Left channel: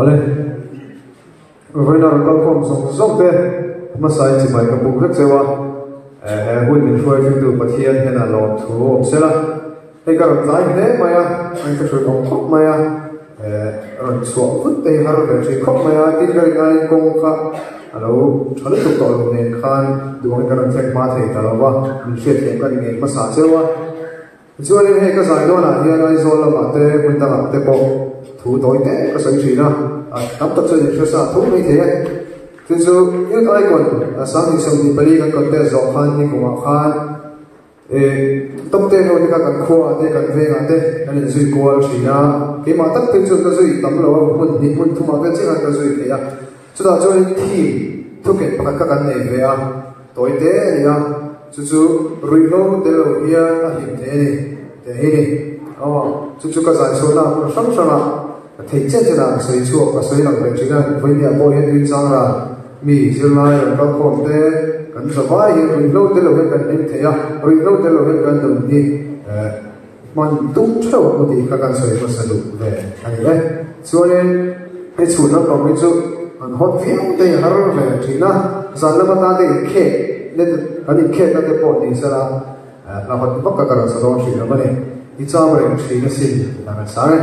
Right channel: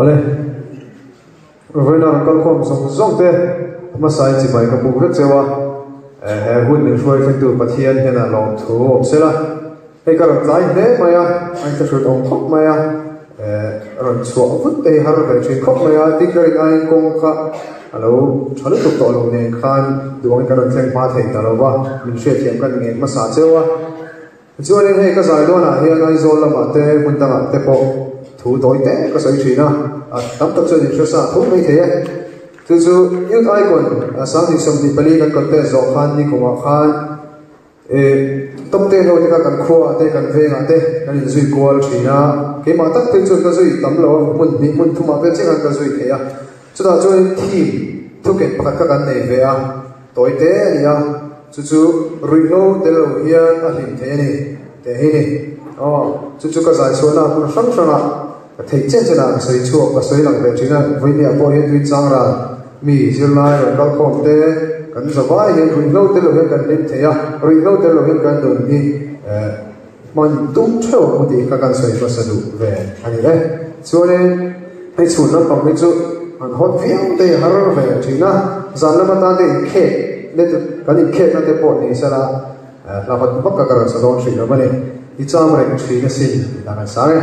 Ole, rồi là các con sống sống thế, mà sai chỉ phải các bố hết rồi hôn mình phơi phim từ bát thiên hay là lò thủ sẽ là cái các giải thế mà anh ta sử dụng thuốc mà rồi xuống vứt tê hay là chơi thuốc mà tí cái này cũng khác alo alo tụt tàu này khan đường cái này xem ma thấy cả là mình sẽ xem cái này mà sao chứ cho nên hay cái giải đó là hiện nay rồi là mà tê mình ta làm tê bộ thủ tối tê cái sự gì nào tắm tập cho những sự thuốc như thế từ những cái còn sáng thì xong thì bali cái content gió phan đi của phan tâm tên rồi cái cần khoa đây cần về ngã đây nên duy cố chỉ là cái mà tất tiêu chuẩn cái duy tấm lỗ mình định mình thu mặc cái chiếc cái duy thế à chúng ta cho thì thu kết bắt các cái này về à tối tế thì à chú rủi ro thế rồi hiện thế này thế này chú cái giải số là không số nào thấy chết là xây chùa và xây làm được chỉ là với nhà tôi hiện tuy rằng là mì chưa mai là con không thế cần số vài hiện rủi ro thế rồi cần đến thế à rủi ro thế rồi cần đường đi mình tung cho một tí các cái xây nó sẽ đủ về anh ấy cho nên cái chủ nó còn cái chỗ mình học viên đây har về chỉ là rằng là ta để khe nên cái này khe cái bộ này sẽ là học bất cả các sự đồng sự đó này ít cho mình chỉ là xin là cái sao ấy